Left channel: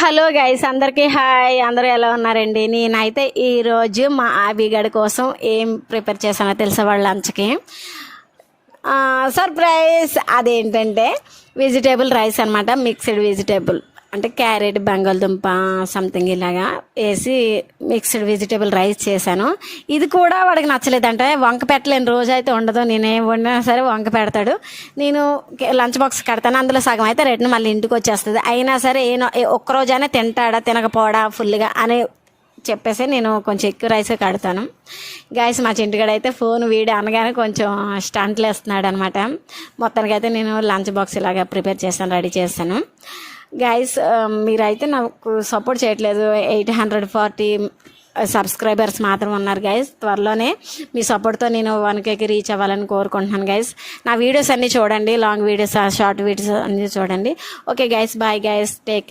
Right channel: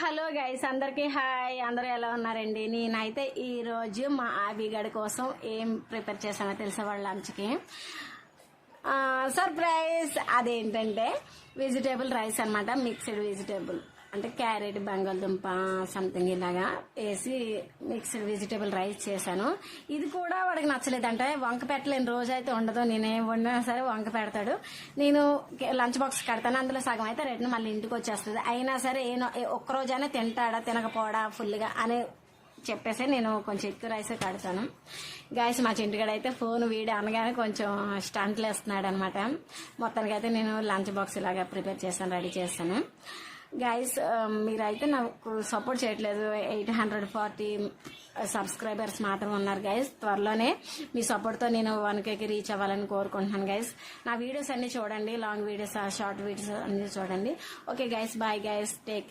Hello guys, అందరికీ hi. అందరూ ఎలా ఉన్నారండి? నేనైతే ఈరోజు మా ఆబిగడ్ కోసం ఏం ప్రిపేర్ చేశానో తెలుసా? వాళ్ళ లంచ్కి సర్ప్రైజ్. అదేంటంటే వెజిటేబుల్ రైస్ అనమాట. మిక్స్డ్ వెజిటేబుల్ అంటే క్యారెట్, బంగాళదుంప సంథింగ్ ఇలాగా వేసి మిక్స్డ్ వెజిటేబుల్ రైస్ చేశాను. ఇది కూడా వాడికి నచ్చలేదంటే వంక పెట్టలేని రోజు అయితే ఉండదు. నేనేం వండినా సరే వంక పెడతాడు. నేను లంచ్ బాక్స్ కడతాను, అందులో సగం అయితే రిటర్న్ మళ్ళీ ఇంటికి వచ్చేస్తుంది. అయినా సరే ఒక్కరోజైనా తింటాడా తినకపోడా ఫుల్గా అని చెప్పేసి నేను కొంచెం ఎక్కువ రైస్ కడతాను. గాయస్, మా చింటిగాడైతే ఫోన్ వీడి అనగానే కొంచెం స్టంట్లు వేస్తున్నాడు అనమాట. మొత్తానికైతే నేను లంచ్ బాక్స్ ఇలాగా ప్రిపేర్ చేస్తాను, రెడీ చేస్తాను. గాయస్, మీరైతే నాకు సపోర్ట్ చేయట్లేదు. 840 సబ్స్క్రైబర్స్ మాత్రం ఉన్నారు గైస్. త్వరలోనే మీ సపోర్ట్తో నేను 1Kకి రీచ్ అవ్వాలని కోరుకుంటున్నాను గైస్. నా వీడియోస్ అన్నీ చూడండి, లాంగ్ వీడియోస్, షార్ట్ వీడియోస్ అన్నీ చూడండి. Okay guys, bye guys, take care.